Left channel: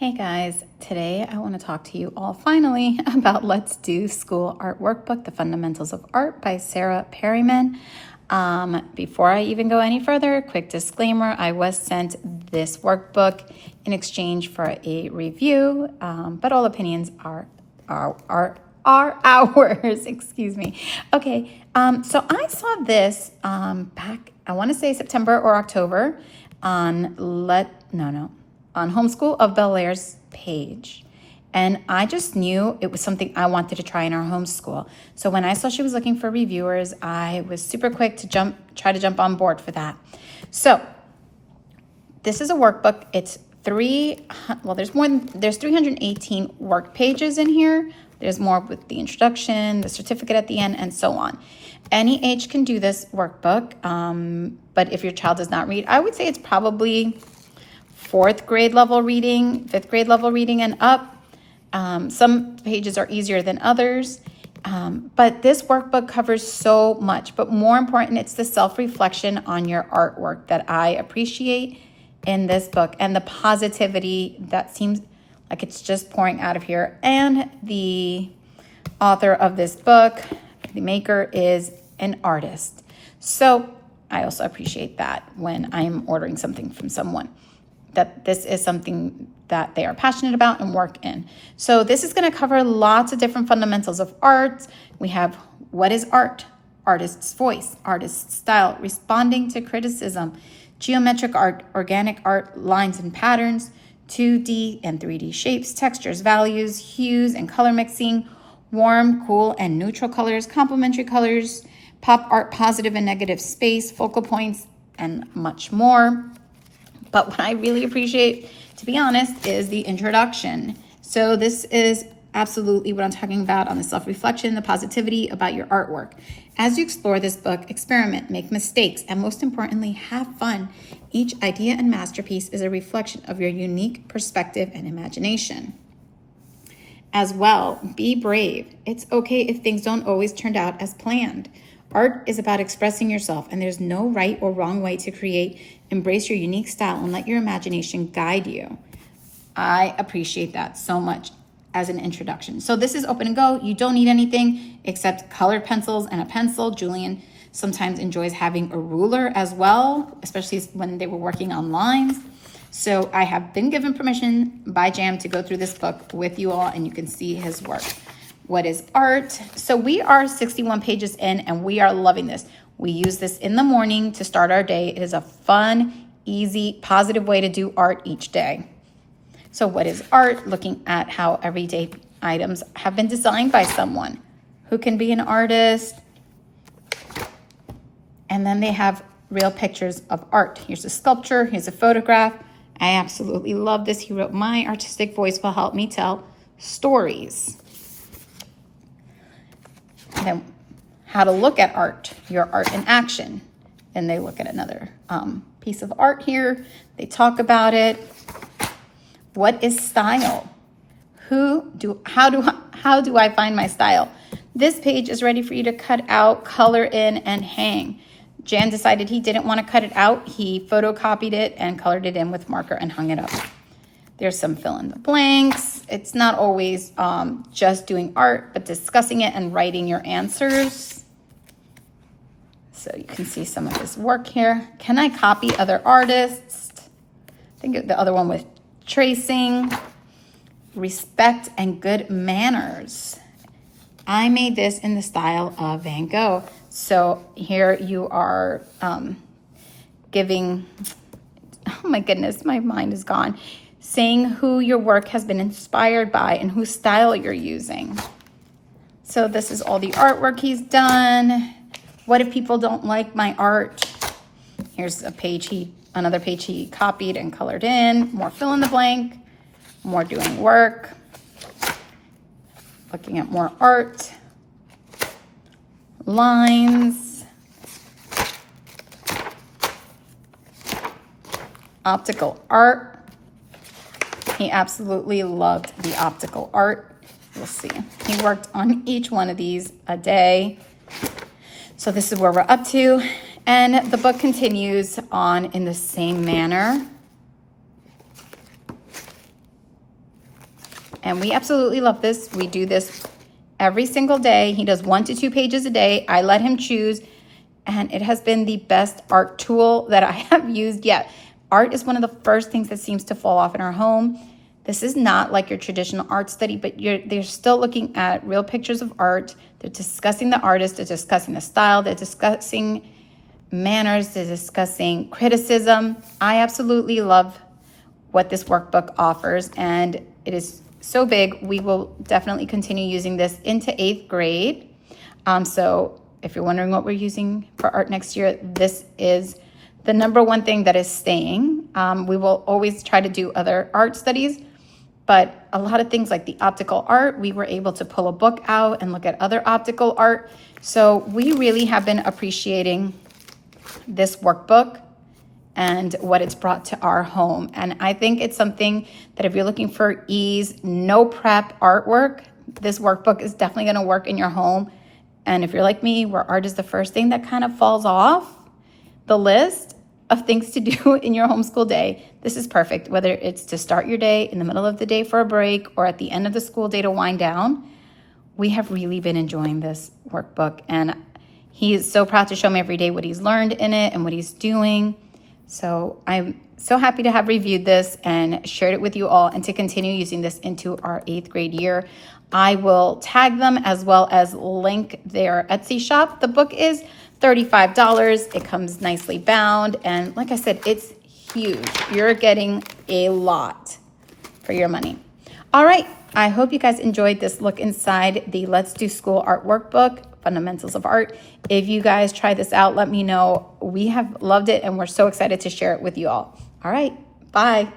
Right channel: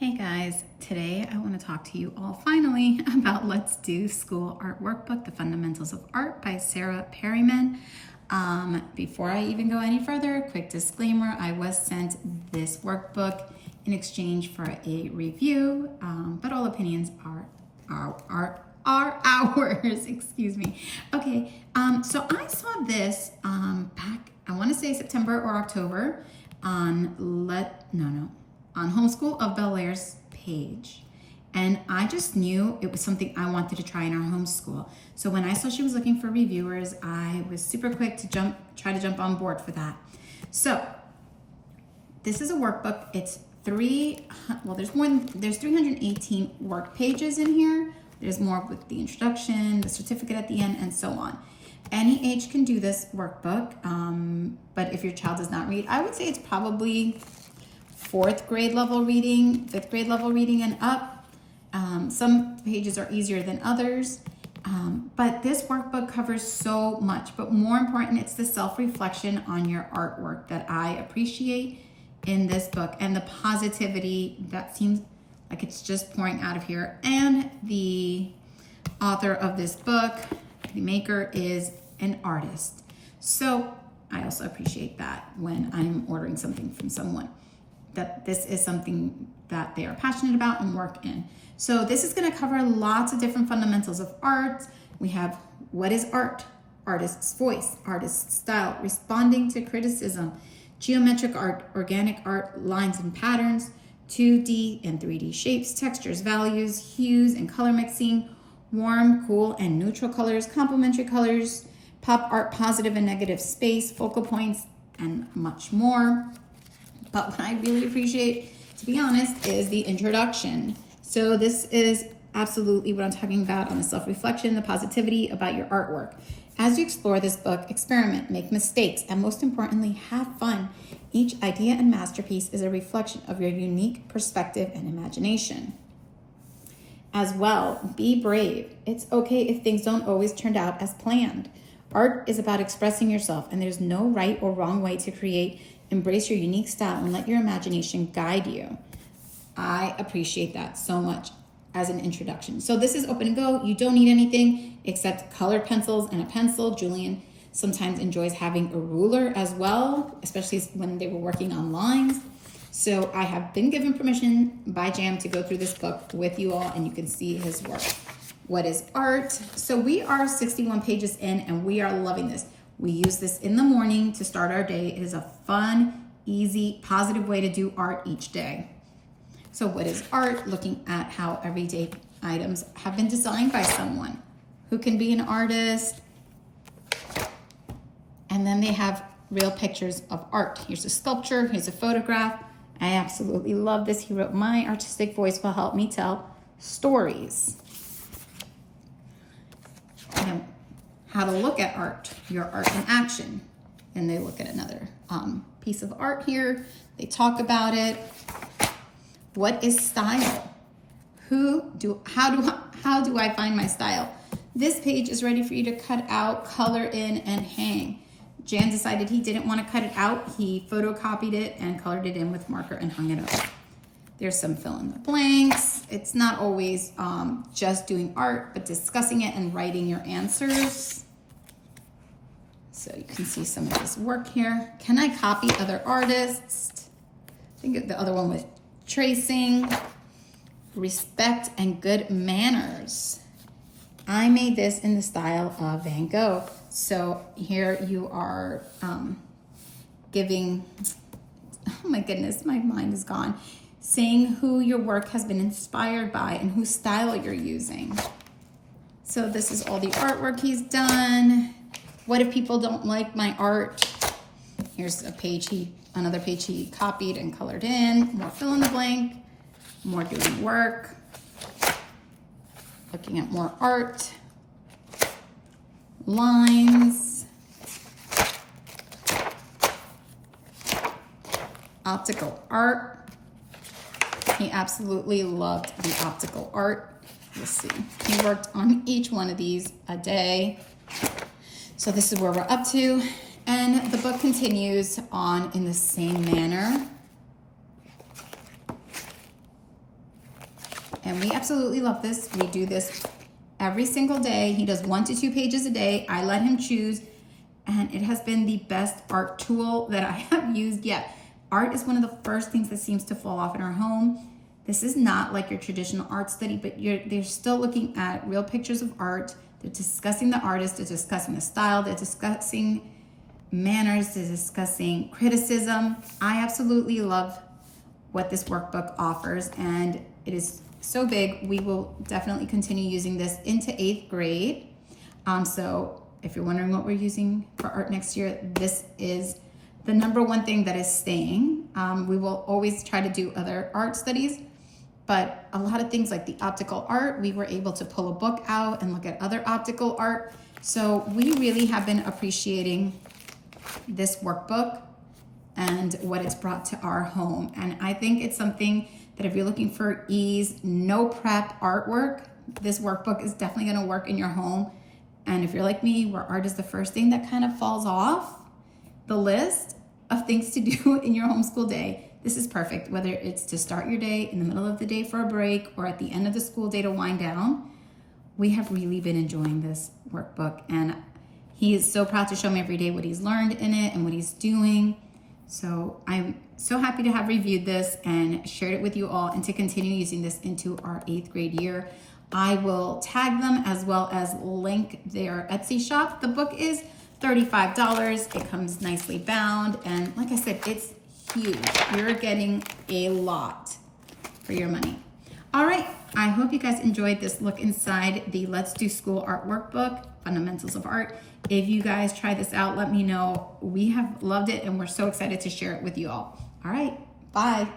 Hey guys, today I want to talk to you all finally about Let's Do School Art Workbook, The Fundamentals of Art by Sarah Perryman. Before I even go any further, quick disclaimer, I was sent this workbook in exchange for a review, but all opinions are ours, excuse me. Okay, so I saw this back, I want to say September or October on Homeschool of Bel Air's page. And I just knew it was something I wanted to try in our homeschool. So when I saw she was looking for reviewers, I was super quick to try to jump on board for that. So this is a workbook. It's there's 318 work pages in here. There's more with the introduction, the certificate at the end, and so on. Any age can do this workbook, but if your child does not read, I would say it's probably fourth grade level reading, fifth grade level reading and up. Some pages are easier than others, but this workbook covers so much. But more important, it's the self-reflection on your artwork that I appreciate in this book and the positivity that seems like it's just pouring out of here. And the author of this book, the maker, is an artist. So I also appreciate that when I'm ordering something from someone, that this is something that they are passionate about and work in. So this is going to cover lots of different fundamentals of art. We have what is art, artist's voice, artist's style, responding to criticism, geometric art, organic art, lines and patterns, 2D and 3D shapes, textures, values, hues and color mixing, warm, cool, and neutral colors, complementary colors, pop art, positive and negative space, focal points, and much more. But what I really appreciate, to be honest, is the introduction. So this is absolutely what I'm talking about on the self-reflection, the positivity about your artwork. As you explore this book, experiment, make mistakes, and most importantly, have fun. Each idea and masterpiece is a reflection of your unique perspective and imagination. As well, be brave. It's okay if things don't always turn out as planned. Art is about expressing yourself, and there's no right or wrong way to create. Embrace your unique style and let your imagination guide you. I appreciate that so much as an introduction. So this is open and go. You don't need anything except colored pencils and a pencil. Julian sometimes enjoys having a ruler as well, especially when they were working on lines. So I have been given permission by Jam to go through this book with you all, and you can see his work. What is art? So we are 61 pages in, and we are loving this. We use this in the morning to start our day. It is a fun, easy, positive way to do art each day. So what is art? Looking at how everyday items have been designed by someone who can be an artist. And then they have real pictures of art. Here's a sculpture, here's a photograph. I absolutely love this. He wrote, "My artistic voice will help me tell stories." And then how to look at art, your art in action. And they look at another piece of art here. They talk about it. What is style? How do I find my style? This page is ready for you to cut out, color in, and hang. Jan decided he didn't want to cut it out. He photocopied it and colored it in with marker and hung it up. There's some fill in the blanks. It's not always just doing art, but discussing it and writing your answers. So you can see some of his work here. Can I copy other artists? I think the other one with tracing, respect, and good manners. I made this in the style of Van Gogh. So here you are giving, oh my goodness, my mind is gone, saying who your work has been inspired by and whose style you're using. So this is all the artwork he's done. What if people don't like my art? Here's another page he copied and colored in. More fill in the blank, more doing work, looking at more art, lines, optical art. He absolutely loved the optical art. You'll see. He worked on each one of these a day. So this is where we're up to. And the book continues on in the same manner. And we absolutely love this. We do this every single day. He does 1 to 2 pages a day. I let him choose, and it has been the best art tool that I have used yet. Art is one of the first things that seems to fall off in our home. This is not like your traditional art study, but they're still looking at real pictures of art. They're discussing the artist, they're discussing the style, they're discussing manners, they're discussing criticism. I absolutely love what this workbook offers, and it is so big. We will definitely continue using this into 8th grade. So if you're wondering what we're using for art next year, this is the number one thing that is staying. We will always try to do other art studies, but a lot of things like the optical art, we were able to pull a book out and look at other optical art. So we really have been appreciating this workbook and what it's brought to our home. And I think it's something that if you're looking for ease, no prep artwork, this workbook is definitely gonna work in your home. And if you're like me, where art is the first thing that kind of falls off the list of things to do in your homeschool day, this is perfect. Whether it's to start your day, in the middle of the day for a break, or at the end of the school day to wind down, we have really been enjoying this workbook. And he is so proud to show me every day what he's learned in it and what he's doing. So I'm so happy to have reviewed this and shared it with you all, and to continue using this into our 8th grade year. I will tag them as well as link their Etsy shop. The book is $35. It comes nicely bound. And like I said, it's huge. You're getting a lot for your money. All right. I hope you guys enjoyed this look inside the Let's Do School Art Workbook, Fundamentals of Art. If you guys try this out, let me know. We have loved it, and we're so excited to share it with you all. All right. Bye.